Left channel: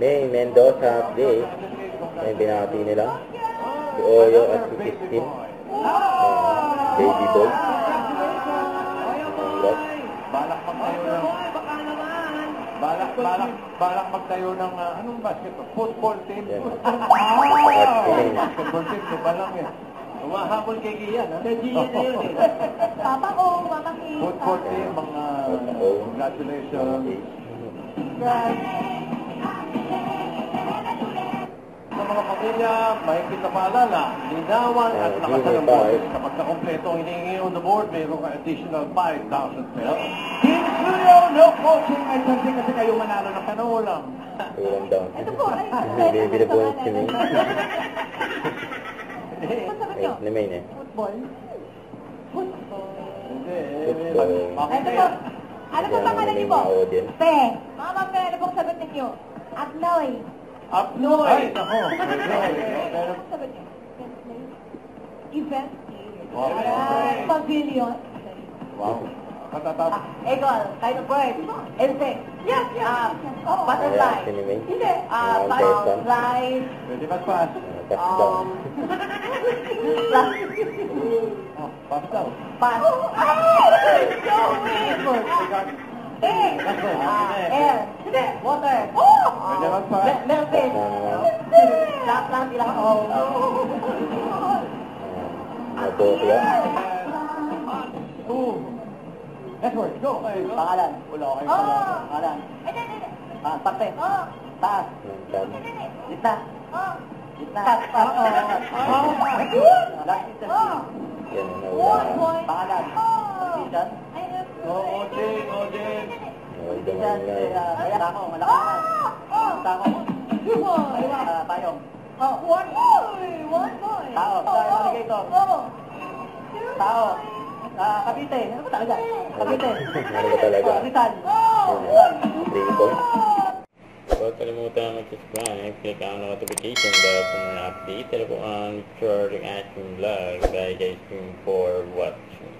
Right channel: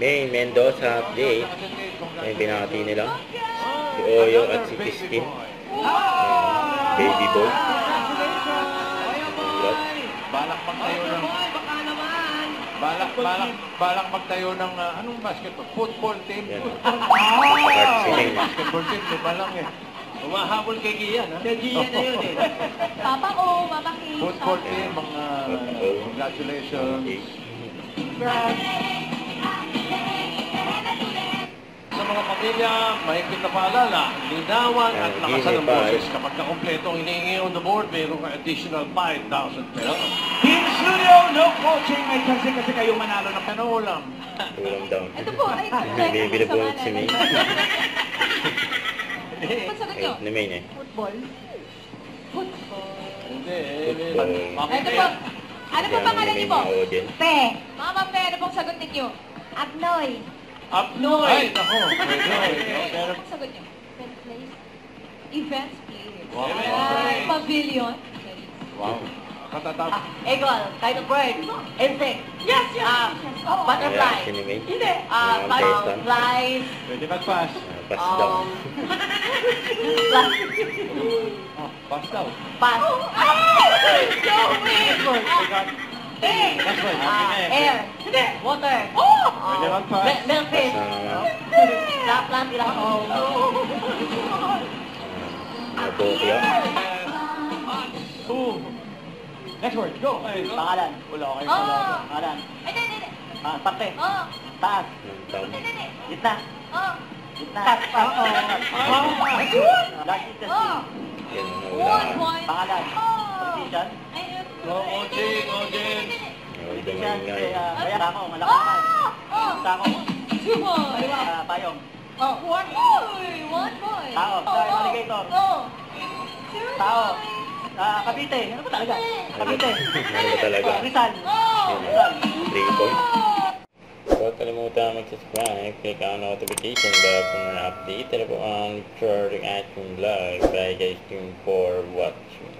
May Mendoza update. May binati nila. Si Oyo at si Christine. Baby boy. Balak magtayo ng anong basketball? Football team. Basketball team, di ba lang eh. Umahabol kay Gian, ha? Kay Gian na yun eh. Papa O, Mama K. Football team, mga congratulations. Sa mga pamilya, mahigpit na paalala, linawan at lakasan ng boses. Kapag nakompleto ang hinihingi on the board, mayroong additional 5,000 pesos. Team Studio, no coaching. May chance kasi kayo manalo ng Panulam. Ulam down. Ito po, ay, Baby na po si May. Pagsagot nyo? Ni May eh. Football? Football. Hindi. Football. Ito po, ano po pangalan niyo po? Pe. Mama Pe, ano pong sagot ninyo? Agnoy. Upnoy! Ay, ako. Ano pong sagot niyo? Events player. Wow. Pavilion. Wow. Katatap. Eagle. Kind of bird. Insect. Yes, yes. Butterfly. Si ni May. Hindi. Flies. Pwede mag-pass. Pass down. Pass daw. Pass. Air. Water. Pwede mag-pass. Milkfish. Laplas. Napokya. Next word, go. Pangalan. Wala kayo Pangalan. Hindi. Parte. Taas. Gitna. Gitna. Yan, One nawala. point. Pangalan. Position. Ojing. Ito nga nga. Kaya ako. Malaki. Tako. Two points. Payong. One point. One point. Tao. Alligator. Two Tao. points. Cavite. Ano ba talaga? Cavite. Ano ba talaga? Rizal. Yun, 3 points. Huwag kalimutan mag-subscribe, click ang notification bell for more update. Tara po ang short action vlog. Bye guys, for watching.